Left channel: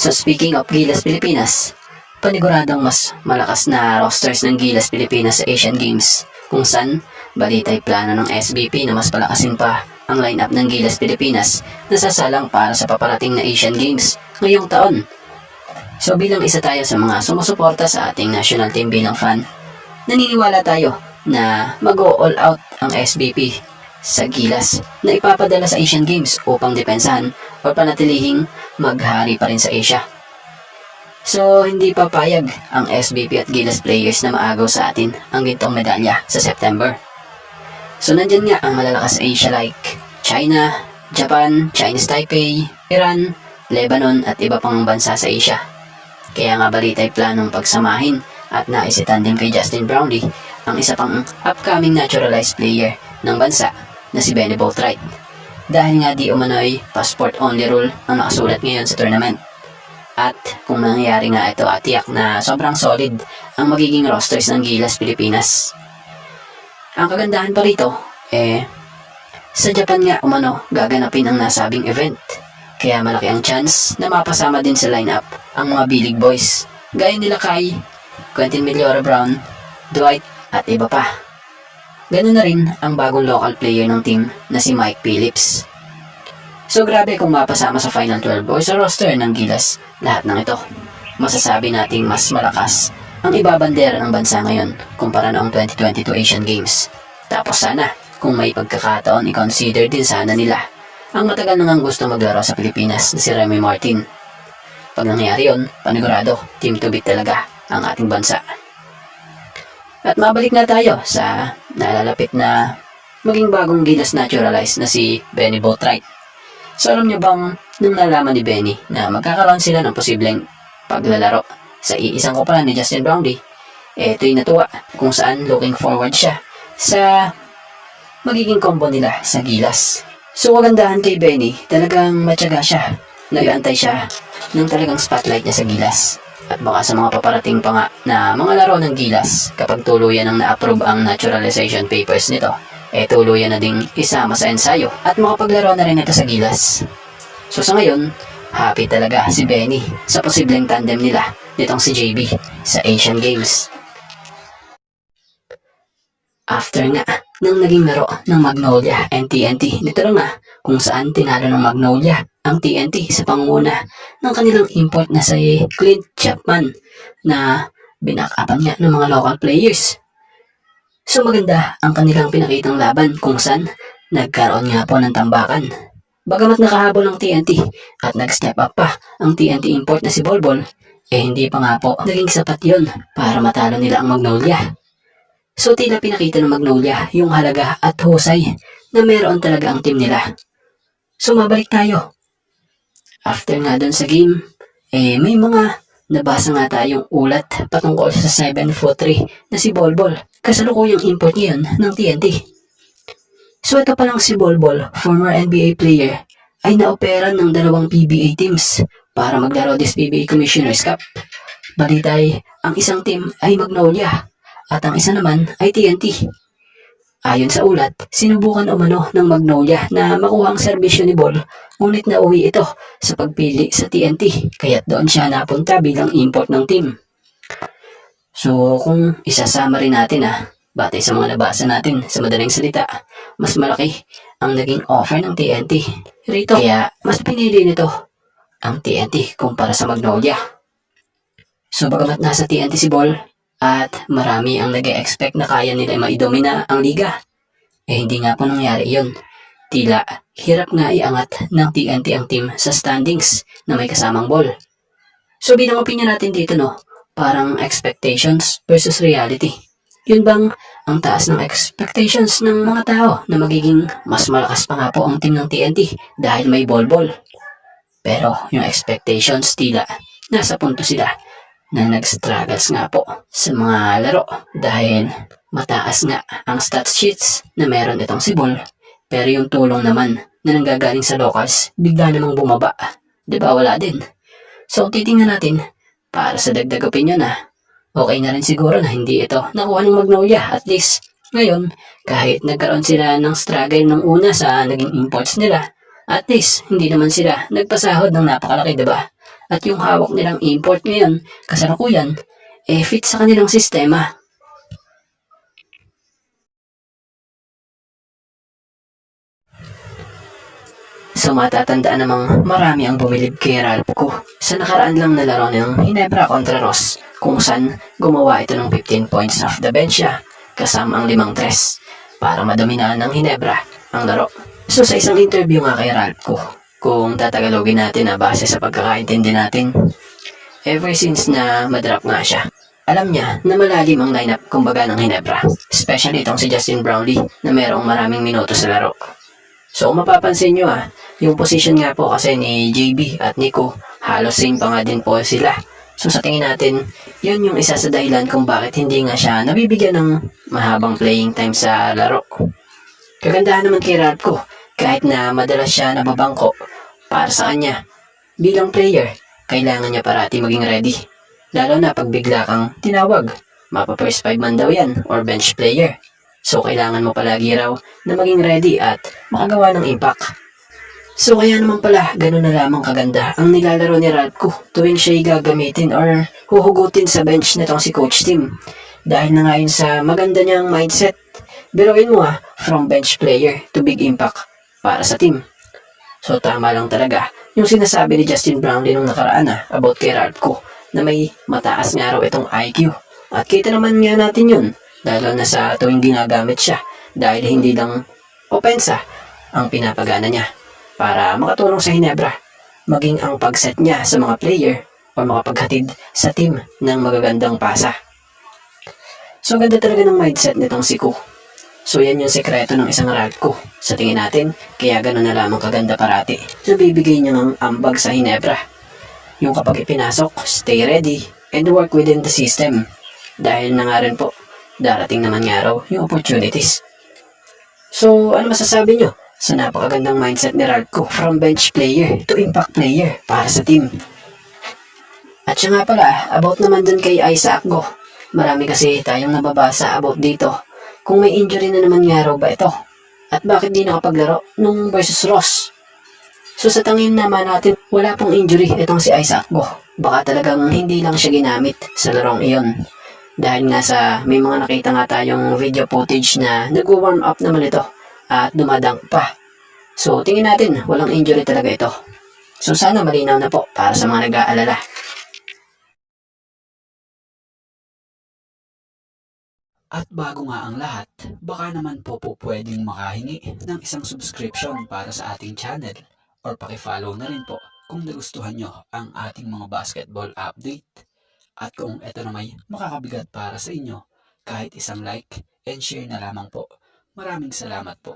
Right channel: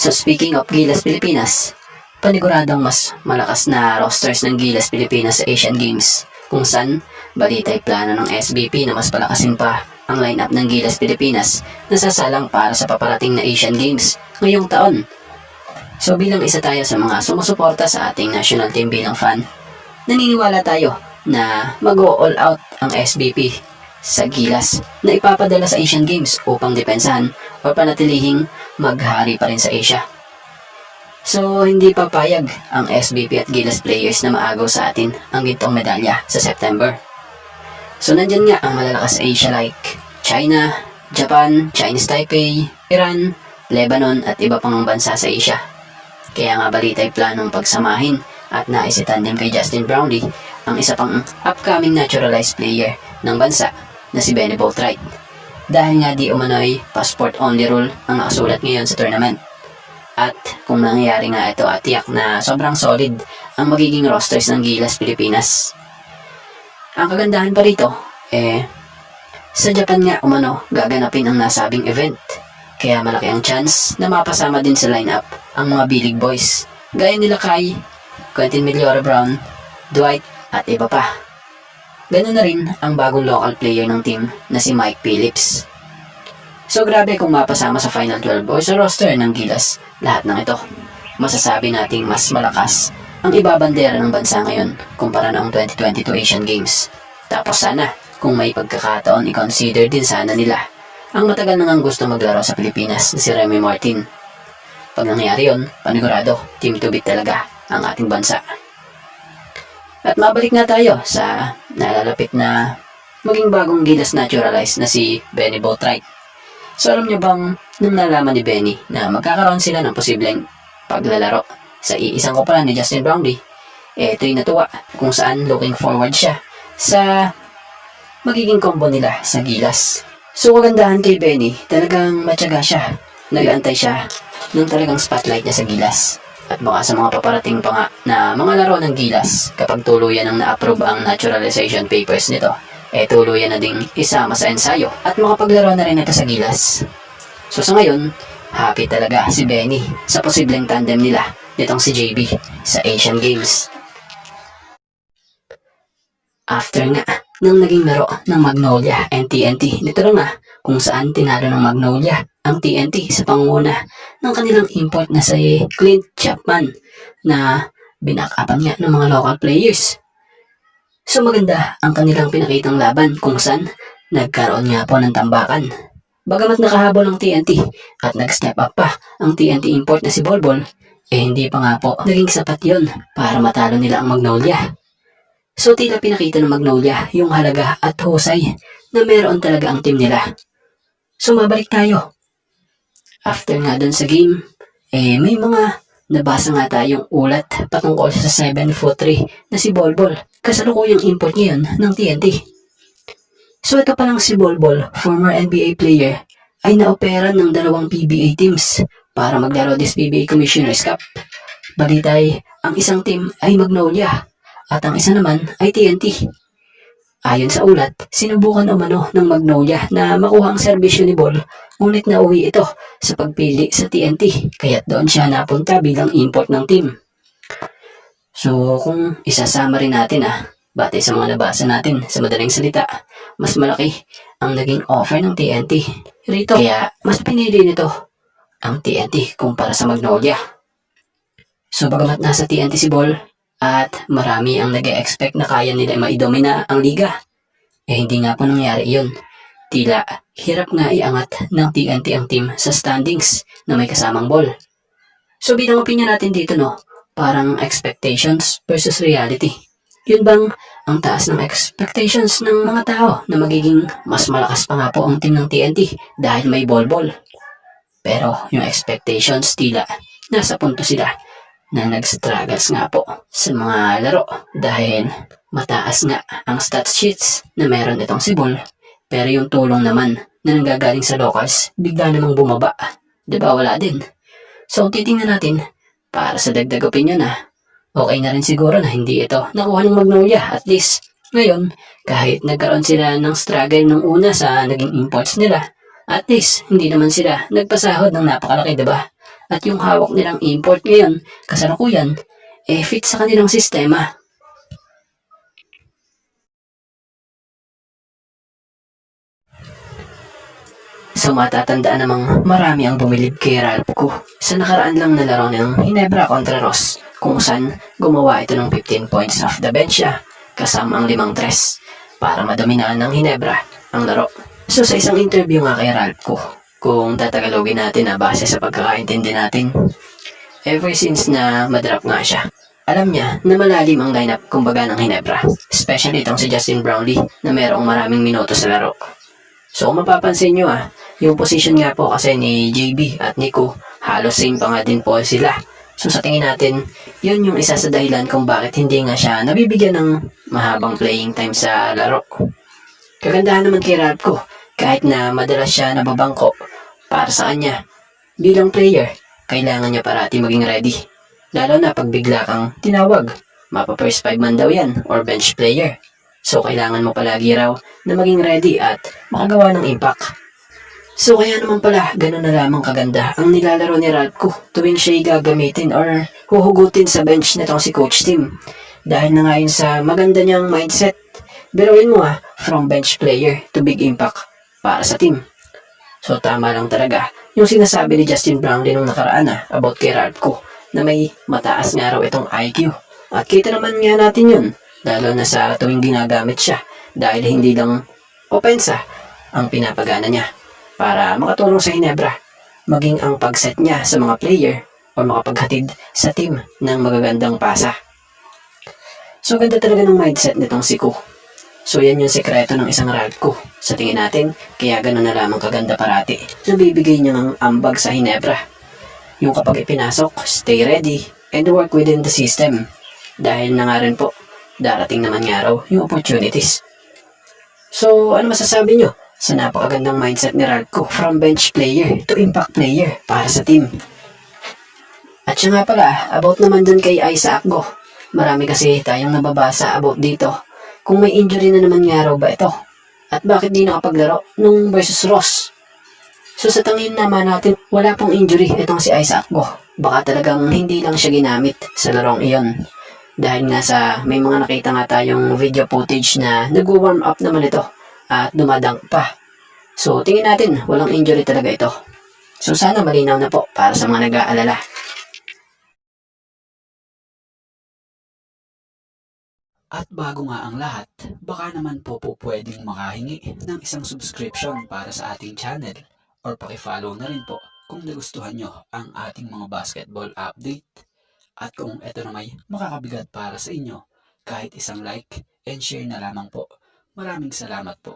So speaking of Gilas Pilipinas, paniguradong mas malakas na rosters ng Gilas Pilipinas sa Asian Games, kung saan balita'y plano ng SBP na mas palakasin pa ang lineup ng Gilas Pilipinas na sasalang para sa paparating na Asian Games ngayong taon. So bilang isa tayo sa mga sumusuporta sa ating national team bilang fan, naniniwala tayo na mag-all out ang SBP sa Gilas na ipapadala sa Asian Games upang depensahan o panatilihing maghari pa rin sa Asia. So hindi papayag ang SBP at Gilas players na maagaw sa atin ang gintong medalya sa September. So nandyan nga ang malalakas sa Asia like China, Japan, Chinese Taipei, Iran, Lebanon at iba pang bansa sa Asia. Kaya nga balita'y planong pagsamahin at naisitandem kay Justin Brownlee ang isa pang upcoming naturalized player ng bansa na si Benny Boatwright. Dahil nga di umano'y passport only rule ang nakasulat ngayon sa tournament. At kung mangyayari nga ito tiyak na sobrang solid ang magiging rosters ng Gilas Pilipinas. Ang kagandahan pa rito, sa Japan nga umano gaganapin ang nasabing event. Kaya malaki ang chance na mapasama din sa lineup ang mga Bilig Boys gaya nila Kai, Quentin Millora Brown, Dwight at iba pa. Ganun na rin ang bagong local player ng team na si Mike Phillips. So grabe kung mapasama sa Final 12 o sa roster ng Gilas lahat ng ito. Masasabi nating mas malakas ang ibabandera ng bansa ngayon kumpara noong 2022 Asian Games. Tapos sana kung may pagkakataon i-consider din sana nila ang matagal nang gusto maglaro sa Pilipinas na si Remy Martin. Pag nangyari yun, panigurado, team to beat talaga ang ating bansa. At mabalik na tayo sa nalalapit na maging bagong Gilas naturalized na si Benny Boatwright. So alam nyo bang nung nalaman ni Benny na magkakaroon sila ng posibleng paglalaro sa iisang kopalan ni Justin Brownlee, ito'y natuwa kung saan looking forward siya sa magiging combo nila sa Gilas. So kagandahan kay Benny, talagang matyaga siya. Nag-aantay siya ng talagang spotlight niya sa Gilas. At baka sa mga paparating pa nga na mga laro ng Gilas, kapag tuluyan ang na-approve ang naturalization papers nito, tuluyan na ding isama sa ensayo at makapaglaro na rin ito sa Gilas. So sa ngayon, happy talaga si Benny sa posibleng tandem nila nitong si JB sa Asian Games. After nga nang naging laro ng Magnolia and TNT, nito lang kung saan tinalo ng Magnolia ang TNT sa pangunguna ng kanilang import na si Clint Chapman na binakapan nga ng mga local players. So maganda ang kanilang pinakitang laban kung saan nagkaroon nga po ng tambakan. Bagamat nakahabol ang TNT at nag-step up pa ang TNT import na si Bolbol, hindi pa nga po naging sapat yon para matalo nila ang Magnolia. So tila pinakita ng Magnolia yung halaga at husay na meron talaga ang team nila. So mabalik tayo. After nga dun sa game, may mga nabasa nga tayong ulat patungkol sa 7'3" na si Bolbol. Kasalukuyang import ngayon ng TNT. So ito palang si Bolbol, former NBA player, ay naoperan ng 2 PBA teams para maglaro this PBA Commissioner's Cup. Balitay, ang isang team ay Magnolia at ang isa naman ay TNT. Ayon sa ulat, sinubukan umano ng Magnolia na makuha ang serbisyo ni Bol, ngunit nauwi ito sa pagpili sa TNT, kaya't doon siya napunta bilang import ng team. So kung isasama rin natin batay sa mga nabasa natin sa madaling salita, mas malaki ang naging offer ng TNT rito. Kaya mas pinili nito ang TNT kumpara sa Magnolia. So bagamat nasa TNT si Bol at marami ang nag-e-expect na kaya nila maidomina ang liga, hindi nga po nangyari iyon. Tila hirap nga iangat ng TNT ang team sa standings na may kasamang Bol. So bilang opinion natin dito parang expectations versus reality. Yun bang ang taas ng expectations ng mga tao na magiging mas malakas pa nga po ang team ng TNT dahil may Bolbol? Pero yung expectations tila nasa punto sila na nag-struggles nga po sa mga laro dahil mataas nga ang stat sheets na meron itong si Bol, pero yung tulong naman na nanggagaling sa locals bigla namang bumaba. Diba wala din? So titingnan natin para sa dagdag opinion okay na rin siguro na hindi ito nakuha ng Magnolia. At least ngayon kahit nagkaroon sila ng struggle nung una sa naging imports nila, at least hindi naman sila nagpasahod ng napakalaki, diba? At yung hawak nilang import ngayon, kasalukuyan, fit sa kanilang sistema. So matatandaan namang marami ang bumilib kay Ralph ko sa nakaraan lang na laro ng Ginebra kontra Ross, kung saan gumawa ito ng 15 points off the bench siya kasama ang 5 tres para madominaan ng Ginebra ang laro. So sa isang interview nga kay Ralph ko, kung tatagalogin natin na base sa pagkakaintindi natin, ever since na madrap nga siya, alam niya na malalim ang lineup kumbaga ng Ginebra, especially itong si Justin Brownlee na merong maraming minuto sa laro. So mapapansin nyo yung position nga po kasi ni JB at Nico, halos same pa nga din po sila. So sa tingin natin, yun yung isa sa dahilan kung bakit hindi nga siya nabibigyan ng mahabang playing time sa laro. Kagandahan naman kay Ralph ko, kahit na madalas siya nababangko, para sa kanya, bilang player, kailangan niya parati maging ready. Lalo na pag bigla kang tinawag, mapa first 5 man daw yan or bench player. So kailangan mo palagi raw na maging ready at makagawa ng impact. So kaya naman pala, ganun na lamang kaganda ang nilalaro ni Ralph ko tuwing siya'y gagamitin or huhugutin sa bench nitong si Coach Tim. Dahil na nga yun sa maganda niyang mindset. Biruin mo from bench player to big impact para sa team. So tama lang talaga yung sinasabi ni Justin Brownlee nung nakaraan about kay Ralph ko na may mataas nga raw itong IQ. At kita naman nga natin yun, lalo na sa tuwing ginagamit siya dahil hindi lang opensa ang pinapagana niya para makatulong sa Ginebra, maging ang pagset niya sa mga player o makapaghatid sa team ng magagandang pasa. So ganda talaga ng mindset nitong si Ko. So yan yung sekreto ng isang Ralph ko sa tingin natin, kaya gano'n na lamang kaganda parati na bibigay niya ng ambag sa Ginebra. Yung kapag ipinasok, stay ready and work within the system. Dahil na nga rin po, darating naman nga raw yung opportunities. So ano masasabi nyo sa napakagandang mindset ni Ralph ko from bench player to impact player para sa team? At siya nga pala, about naman dun kay Isaac Go. Marami kasi tayong nababasa about dito. Kung may injury na naman nga raw ba ito? At bakit di nakapaglaro nung versus Ross? So sa tangin naman natin, wala pong injury itong si Isaac Go. Baka talagang hindi lang siya ginamit sa larong iyon. Dahil nga sa may mga nakita nga tayong video footage na nag-warm up naman ito at dumadunk pa. So tingin natin walang injury talaga ito. So sana malinaw na po para sa mga nag-aalala. At bago nga ang lahat, baka naman po pwedeng makahingi ng isang subscription para sa ating channel or pakifollow na rin po kung nagustuhan nyo ang ating mga basketball update. At kung ito na may makakabigat para sa inyo, kahit isang like and share na lamang po. Maraming salamat po.